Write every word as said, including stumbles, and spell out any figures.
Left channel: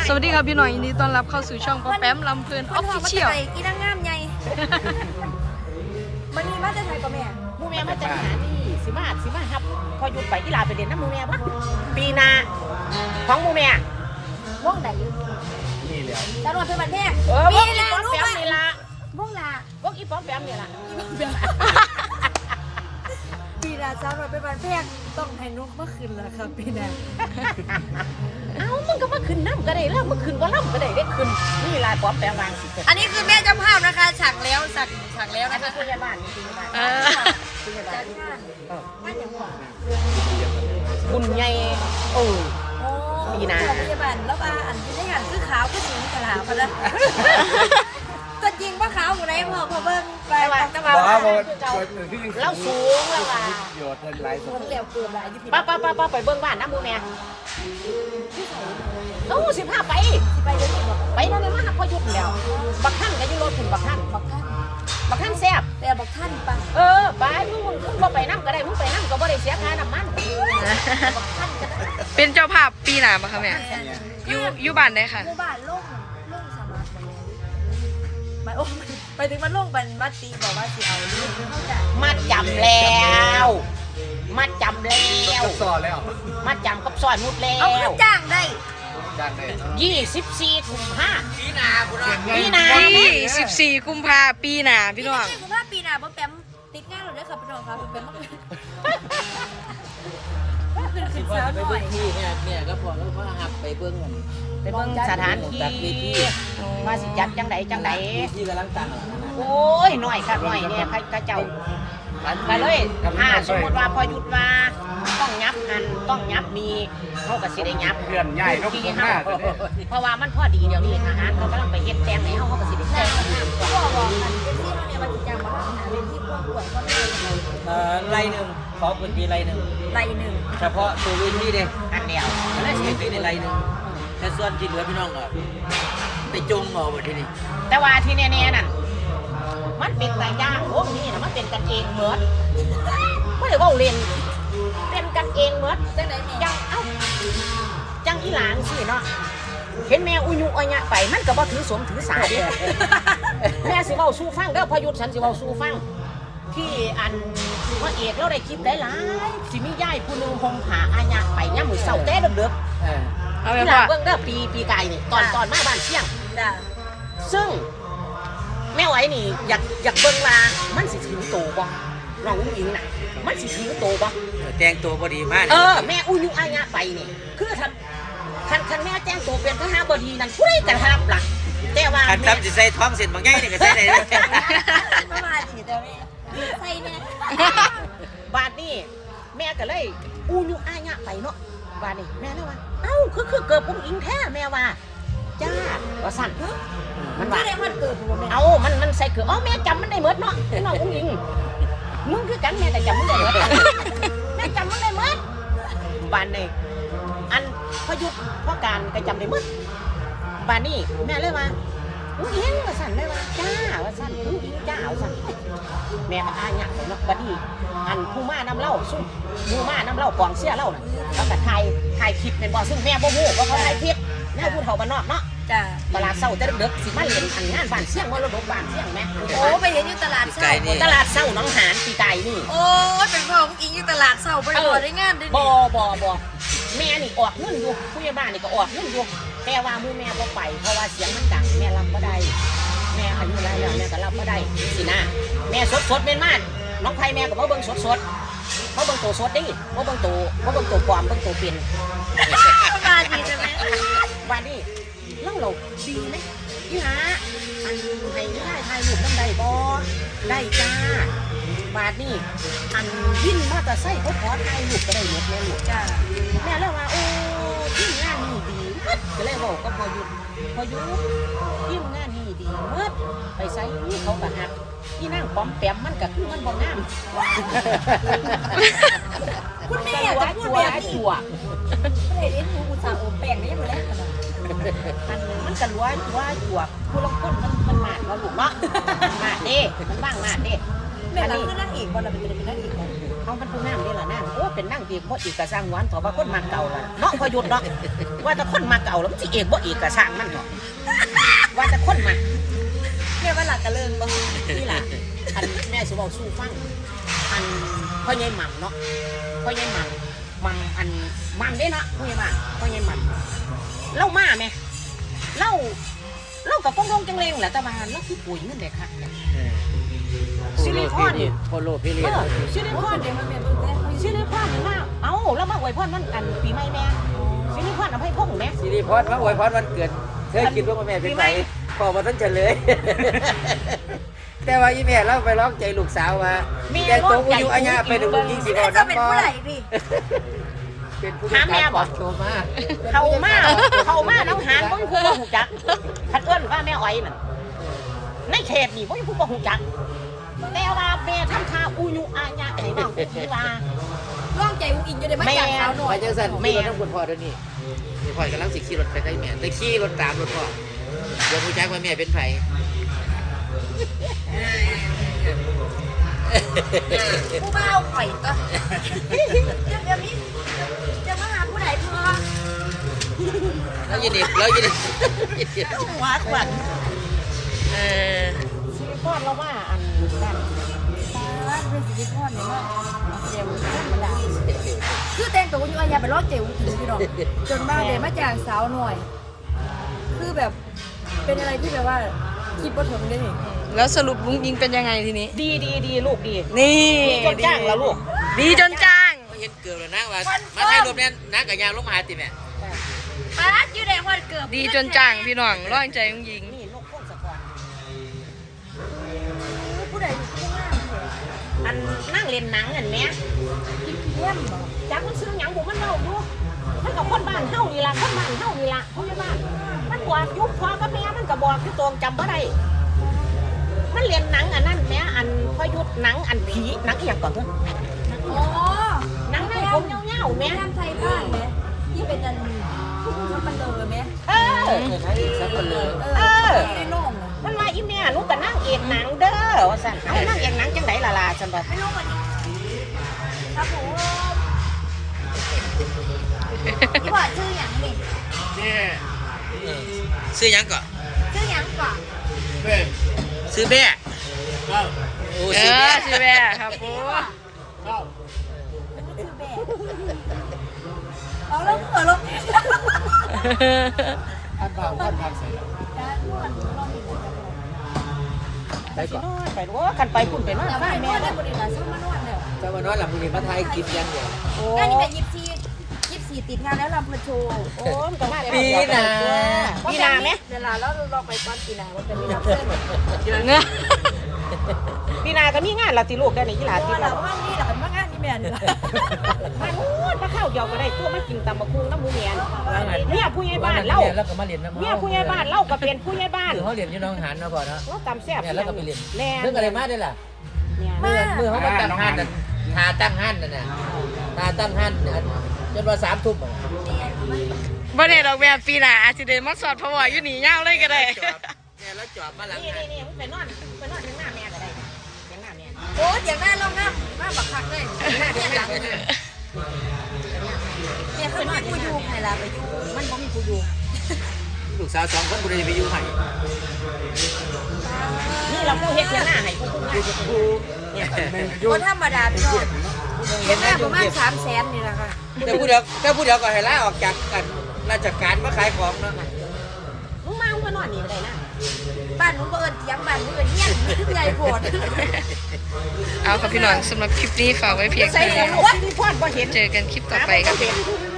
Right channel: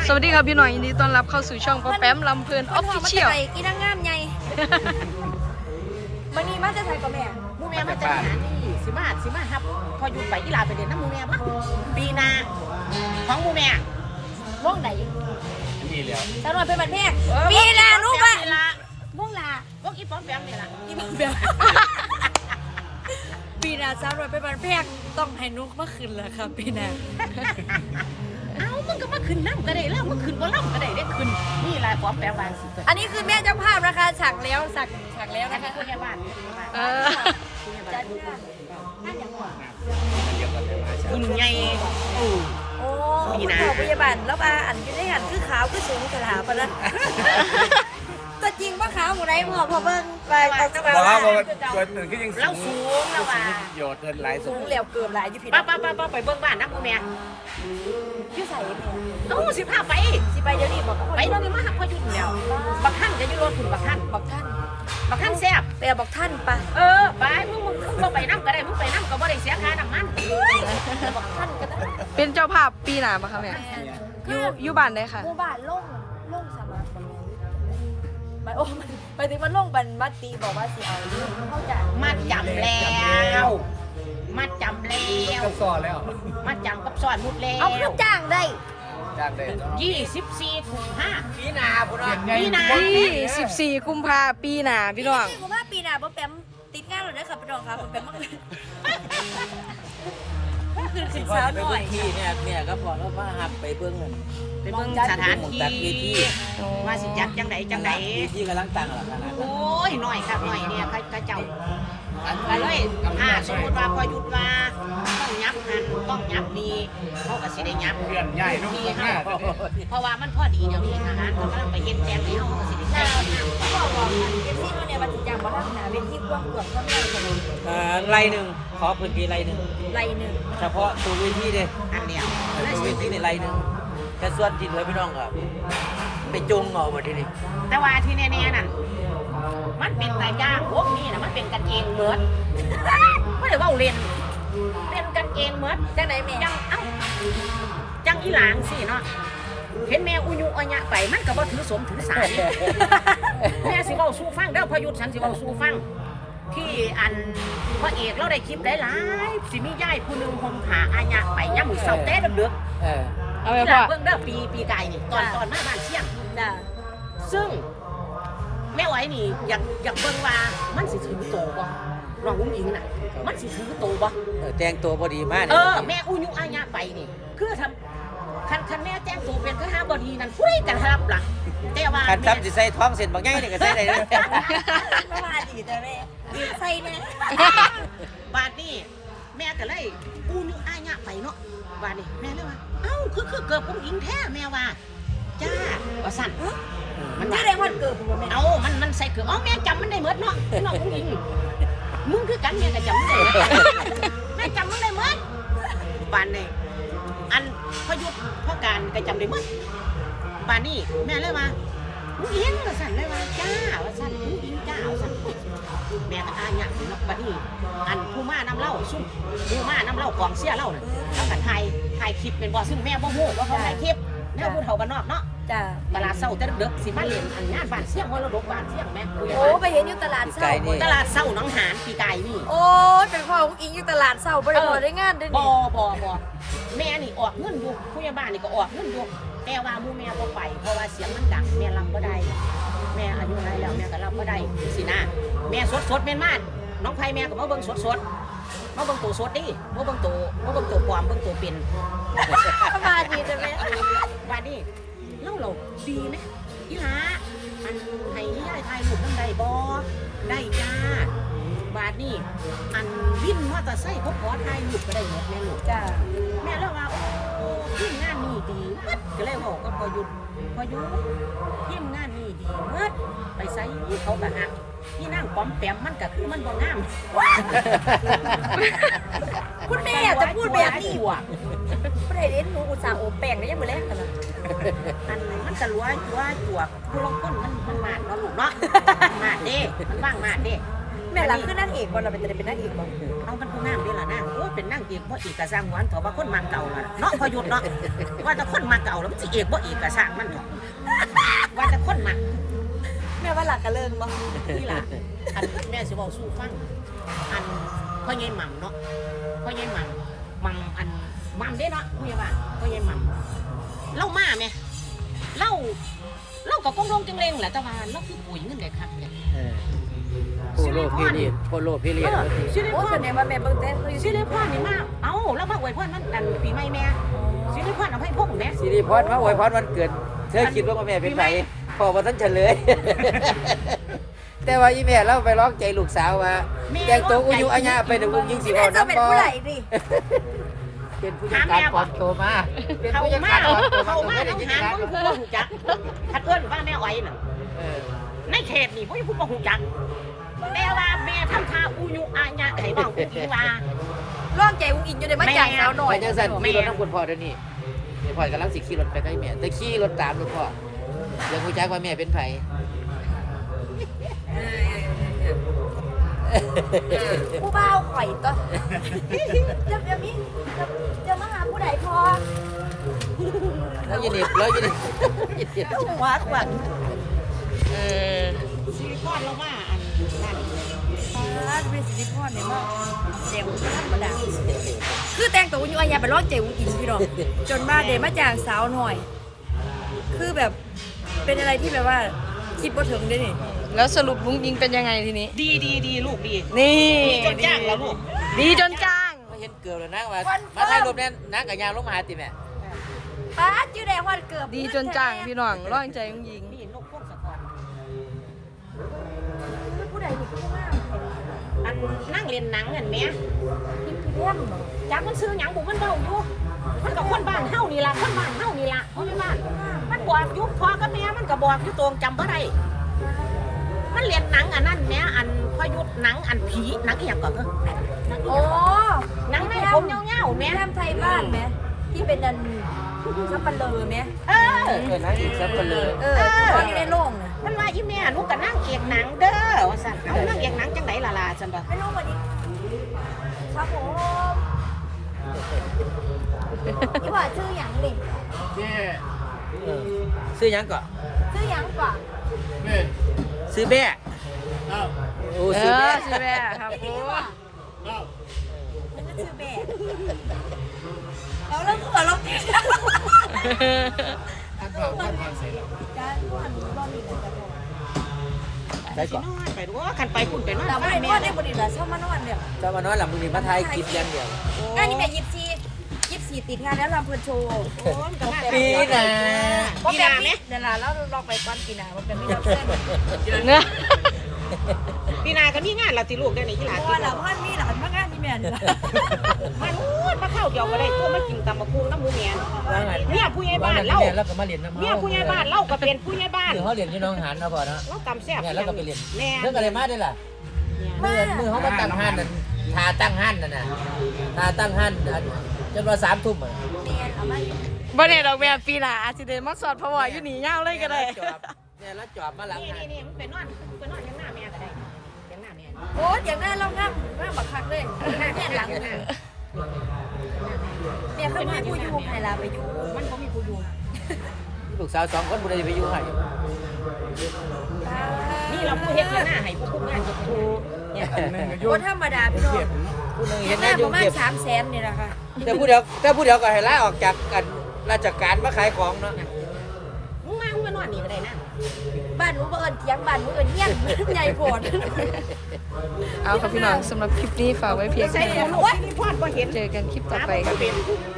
สวัสดีครับพี่หน่อยยินดีต้อนรับเข้าสู่ช่องป๊อปแป๊มลำเพลินออฟฟิเชียลอีนางงามใหญ่มันนี่มาจะไทยกับแม่มูแม่มาจากหานี่สิมาสิมาครับพอหยุดไปอีลาไปเด่นน้ำมูแม่ปะปีนาของมูแม่ว่องไหนนี่แล้วตลอดเป็นบันแพงปีนานุบะว่องลาว่องอีป๊อปแปมเนี่ยล่ะปีนาสาวน้อยเป็นบันแพงต้องให้นุกเมื่อคืนแล้วครับปีนาเอ้ามึงก็มาขึ้นน้ำก็ได้แล้วมึงขึ้นก็ล่ำก็ได้ได้ขึ้นนี่ลายป๊อปแปมวางสิอันนี้คือแม่เจ้าภาพนะคะฉากแล้วฉากฉากแล้วนะคะผู้ใหญ่บ้านนี่จริงไหมเออจัดงานงานอย่างหัวเรียกกันแล้วมาคุณไงโอ้โอ้เจ้าพยาบาลแล้วอาอันที่ได้หันคือขาวคือสูงกระลาปะนะก็จริงว่าขาวหมดเลยพอพอเบิ้งไปก็บอกว่าบอกว่าตัวหนึ่งคือยังเราสูงแล้วว่ะโยดเดินหลายสุดเหลียวเกินหลายยี่ผิดป้าป้าป้าป้าไปเบิ้งบ้านนะมูแม่ที่ใส่เอ้าสิพาไปที่ไปเดี๋ยวนี้หมดไปตอนนี้มาหักพอหยุดเดียวบักท่านก็อยู่รถคุณบักท่านบอกท่านบักท่านแซ่บแต่บอกท่านปะเออไปมึงมึงก็ไปน้ำก็ได้มึงไปน้ำก็บ่ได้เสียค่าน้ำมันบอกท่านก็ได้เป็นเจ้าภาพปีหน้าปะคะแม่อยู่อยู่บ้านได้ค่ะหมู่บ้านล่งล่งสมาร์ทบอลไปโอ้ไปถึงมันล่งบันบัตตีบอกว่าสิเอาเรื่องเข้าใจมาจำแล้วมาจำแล้วก็ซ้อแล้วมาจำกับซอยมุดแล้เอาวจ้างได้จ้างได้ยี่สิบสี่ถุงห้าปีนาบุรีปีนาที่สิบสี่กุมภาปีหน้าพี่น้องคุณว่าปีหน้าบ๊อบแปมติดงานหรือได้ครับพี่น้องครับบ๊อบแปมเมื่อคืนเมื่อคืนขึ้นเช้าหน่อยที่เนี่ยเนี่ยก็พอแล้วมาหับไปเบิ้งไปเบิ่งสถานที่ว่าสิจัดจังไหนจังไหนที่กำลังตั้งหลักนะโอ้ยหน่อยค่ะหน่อยเนี่ยข้าเจ้าก็เลยถ้าสมมติว่าพอหยุดว่าต้องยับหันต้องยับมีเขาก็สิได้ยับเพื่อนใหญ่ลูกตรงหน้าเพราะว่ามันพอดีเดี๋ยวนี้ทหารเขากำลังไปเฮ็ดแตงให้เขาเขาก็สิได้นาแตวงก็บอกกันเอฟซีเขาเนี่ยว่าจะจ้างบ๊อบหาเวทีกว้างกวางเขาไม่ได้ขนมเอ่อไรหนึ่งขอพื้นที่ไรหนึ่งไรหนึ่งเฉพาะตัวเวทีเด้อันเดียวและพื้นที่ในไรหนึ่งแต่ส่วนที่เหลือพี่น้องก็ไปจงเอาหมดที่นี่แต่ว่าที่แน่ๆนั่นมันเป็นแต่ย่างวงนี้นะมันเป็นกันเองเหมือนไม่ได้ว่าเล่นเป็นกันเองเหมือนจังไหนแม่จังเอ้าจังอีหลางสิเนาะเห็นแม่อุยุอัญญะไปมันก็บ่ถือสมถือสาดิ แม่สิเว้าสู้ฟังเด้อพอหยุดฉันสิเว้าสู้ฟังที่อันพระเอกเราได้คลิปหลายๆสิมีย่ายผู้หนึงห่มผ้าอัญญะไปย่ามมื้อเช้าแต่เด้อเอาๆไปที่หพ่อลาเบิ่งเด้อปีปีกายนี่ตอนตอนมาบ้านเชียงจ้าซึ่งแม่ไหวนี่อยากอยากเบิ่งว่ามันสิถึงโตบ่น้องอุ้งอิงน่ะมันสิถึงโตบ่แต่งตัวพอดีมากเออแม่อุยุอาญะไปนี่คือท่านท่านท่านแม่แจ้งตัวเป็นทหารบดีนั่นผู้ใดกันรับล่ะแต่ว่าการแม่ทำสิใส่ท้องเสร็จบางง่ายเนี่ยก็ใส่ได้เลยก็มาดีแต่แม่ใส่เนี่ยบาดนี่แม่ก็เลยอุยุอาญะไปเนาะบาดนี่แม่เลยว่าเอ้าคือคือเกิดอุ้งอิงแท้แม่ว่าจ้าว่าสั่นมันชื่ว่าอเรียกวันเกิดผมแม่เอามันมันใส่เกือบเอ้าแม่จำมันได้หมดเนาะน้องอุ้งอิงมึงคือกันแม่ก็จำมันได้หมดแม่จำมันได้หมดบาดนี่อันพยุทธ์พ่อการก็จำได้หมดบาดนี่แม่เลยว่าอุ้งอิงว่าสั่นเลยว่าจ้าว่าสั่นอุ้งอิงจ้าว่าสั่นแม่ก็อาญะไปเนาะบาดนี่อันผู้มานำเล่าซุ่มผู้มานำเล่ากองเสียเล่าน่ะแล้วก็ถ่ายถ่ายคลิปเป็นบ่ซึ่งแม่บ่ฮู้ว่าเขาถ่ายคลิปแม่พูดเฒ่าบ้านนอกเนาะจ้าตลาดเศร้าแต่เด็กๆสิมาเล่นอันงานบ้านเสี่ยงมรดกบ้านเสี่ยงแม่โอ้ไปเห็นอยู่ตลาดเศร้าตลาดเศร้าหนองหานปีไก่นี่โอ้เป็นพ่อของอิงอยู่ตลาดเศร้าบริบทได้งานด้วยบ่นี่บ่บ่แม่นี่ออกเงินอยู่ผู้ใหญ่บ้านนี่ก็ออกเงินอยู่แต่ว่าหมู่แม่บ่ไปเพราะว่าเสียงมันดังแม่รับบ่ได้แม่อายุหลายแล้วแม่ก็รับบ่ได้สินะแม่สดๆแม่นมากน้องไผแม่ก็บ่เบิ่งสดๆบ่เบิ่งตัวสดดิบ่เบิ่งตัวบ่เบิ่งตัวปลอมเบิ่งตัวเป็นก็มาดีใช่ไหมว่าดิเล่าเราดีนะอีหาอันให้นี่ได้ถ่ายรูปนำได้บ่ได้จ้าบาดนี่อันวินมอเตอร์ไซค์เขาขอถ่ายรูปก็ได้หมดแม่ลูกจ้าแม่เล่าว่าโอ้ทีมงานนี่ดีมัดก็เลยบอกก็พอหยุดพอหยุดทีมงานนี่ดีมัดไปใส่เขาก็หักที่นั่งป้อมแปมมันก็คือมันบ่งามคุณแม่อยากจะพูดแบบนี้จั่วไม่ได้เล่นหนูอุตส่าห์โอบแป้งได้ยังไม่เล่นกันอันหนึงมันก็รัวรัวจั่วผู้ลางคนมันมันมาดเนาะลูกเนาะมาดเด้มันว่างมาดเด้แม่ล่ะคือนั่งเอกบ่เราเป็นจะเป็นนั่งเอกบ่เอามันผู้งามเด้อล่ะนางโอ้เป็นนางเอกบ่เอกกะสร้างหวานเพราะว่าคนมาเก่าล่ะเนาะพอหยุดเนาะว่าแต่คนมาเก่าแล้วมันสิเอกบ่เอกกะสร้างมันเนาะว่าแต่คนมาแม่ว่าหลักกะเลิงบ่นี่ล่ะอันแม่สิเว้าสู่ฟังอันพ่อใหญ่หม่ำเนาะพ่อใหญ่หม่ำหม่ำอันหม่ำเด้เนาะพ่อใหญ่บ้านพ่อใหญ่หม่ำเล่ามาแม่เล่าเล่ากับกงลงจังเลงแหละแต่ว่าเล่าคือปุ๋ยเงินได้คักเนี่ยซิลิคอนโคโลพี่เลี้ยเออซิลิโอ้คอแสนดงว่าแม่เบิ่งแต่เขาอยู่ซิซิลิลิคอนนี่มาเอ้าแล้วมาอวยพรมันกันปีใหม่แม่ซิลิคอนเอาให้พวกแม่สิริพรมาอวยพรวันเกิดเธอคิดว่าแม่เป็นไหนบอกว่าท่านเฉลยแต่ว่าอีแม่เราไปร้องใจลูกสาวว่าแกตัวอายุอาญาไปดูยิงสิแม่จะเป็นผู้ใหญ่ดิเป็นผู้จัดการบอกโตมาเขามาเขามาแล้วหางบ่มีผู้บ่ฮู้จักคัดเอิ้นว่าแม่อ้อยน่ะในเขตนี่บ่มีผู้บ่ฮู้จักแต่ว่าแม่ทำท่าอุยุอาญะให้เว้าอุ้งว่าเรื่องใจอุ้งอิงอยู่ในมาจากสาวหน่อยเจ้าสันแม่คุณพ่อเดี๋ยวนี้คุณพ่อกำลังสิขี่รถไปให้แม่แต่ขี่รถตามรถพ่อเดี๋ยวผู้ชายว่าแม่เป็นไผผู้บ่าวข่อยก็จะแบบนี้จะมาหาผู้ใดพอแล้วยินดีแล้วยินดีหัวขวัญเออซิลิคอนมาว่าอันนั้นป้าเป็นสิริพรเนี่ยมาเจลธรรมดาคือแต่งตัวอยู่อันยาไปรอดเจลกินพี่น้องจนมาเดมาจากสาวหน่อย คือแบบเป็นอะไรที่แบบว่าคิดบ่ถึงได้นี่แล้วสรุปลุงยิงเป็นยังไงทีนี้ดีดีดีลูกดีนี่จนจ้างแล้วลูกดีจนจ้างเห็นเกือบแล้วนะว่ามาถ่ายรูปเนี่ยนักกับยางลงมาหาติแม่ป้าอยู่แดงวันเกือบดีจนจ้างพี่น้องร้อยใจลุงยิงนี่นกพ่นสะพอนผู้ใดอยู่ผู้งามเถอะอันนั่งเล่นหนังเห็นไหมคิดเยี่ยมบ่จากมันซื้อหยังผมมันเบาอยู่มันกับคนบ้านเฮานี่ล่ะคนบ้านเฮานี่ล่ะคนบ้านมันบอกยุบพอกับแม่มันก็บอกอยู่ตรงจำบ่ได้มันเรียนหนังอันนั้นแม่อันพยุทธ์หนังอันผีหนังอหย่างก่อนเถอะหนังอโอ้หย่างก่อนหนังในผมเงี้ยวๆแม่แม่ทำไทยบ้านไหมที่เป็นดันน้ำมันเลยไหมเออเอออยู่ในโรงเนี่ยมันว่าอีแม่หนูก็นั่งเอกหนังเด้อว่าซั่นเอานั่งเอกหนังจังไดล่ะล่ะซั่นบ่ไม่รู้วันนี้ครับผมพี่ว่าชื่อหยังดิซื้อยังก่อนชื่อหยังก่อนซื้อแม่โอ้เอซื้ออแม่ชื่อแม่ครับปูมันก็ชื่อแบกเอาแล้วเผื่อเราท่านฟังท่านฟังเสร็จจะนวดนวดอีกแล้วไปสินอนไปดูว่าคันไปพุ่นไปนอนแต่ว่าบ้านนแม่วดได้บริการเช่ามานวดเนี่ยเจ้ามานอนหลับมือนีมาไทยคลิปเดียวเดียวงานนี้แต่ยิบซียิบซีติดงานแล้วลำเพลินโชว์โอ้มันก็มาปีนาว่าปีแบนาบไหมนี้เดี๋ยวเราลองไปก้อนปีนาว่าแบบนี้รับเส้นเงอะปีนาก็มีงานละสิลูกได้นี่กีฬาเพราะที่ว่าเราว่านี่เราเป็นงานนี่แม่นี่แหละมาโอ้ยมาเข้าเดียวก็ได้ตัวมากินตำมะคุงน้ำมูเมียว่าไงเนี่ยผู้ใหญ่ว่าบ้านนั่นเล่าเนี่ยแล้วก็มาเรียนน้ำเนี่ยเฮาผู้ใหญ่บ้านเล่าก็เป็นผู้ใหญ่บ้านคือเขาเรียนที่น้องหันนะพ่อเนาะแล้วตำแซ่บเนี่ยแล้วก็ไปเรียนแน่เรื่องอะไรมาได้ล่ะมามือเขาก็ตั้งหันนั่นทาตั้งหันนั่นน่ะทาตั้งหันจนว่าสามทุ่มบ่เนี่ยดอกแม่ปีหน้าอาจจะเดินมาสอดพะวออยู่หนีเงาเลยก็ได้เนี่ยแล้วจอบมาหลังนี่นี่นี่มึงไปนอนไปนอนข้างหน้าแม่ก็ได้ข้างหน้าแม่โอ้เสียงหน้าล่ำน้ำน้ำบักคักเลยหน้าเนี่ยหลังเนี่ยเนี่ยเขาไม่กูอยู่ใครลาไปอยู่มันบ่มีผู้อยู่ลูกสาวสองคนบุรีไปอยู่ไห้นี่เราผู้เฮ็ดข้างหน้าให้ผู้ผู้งานผู้เนี่ยคนธรรมดาพี่น้องเสียงหน้าประมาณสามแสนนี่แหละค่ะแต่ผู้เดียวแต่ผู้เดียวก็ให้ลาออกจากกันราชการมาขายของเนาะมึงมามึงมานอนนี่ก็ได้นะบ้านหนูบ่เอิญเถียงบ้านหนูเอิญเฮี้ยนใหญ่โพดเอาครับพี่น้องสำหรับคลิปนี้ฝากไว้เพียงใส่เท่าแล้นี้วโอ๊ยพี่พ่อบ่เห็นเจอกันคลิปต่อไปครับพี่น้อง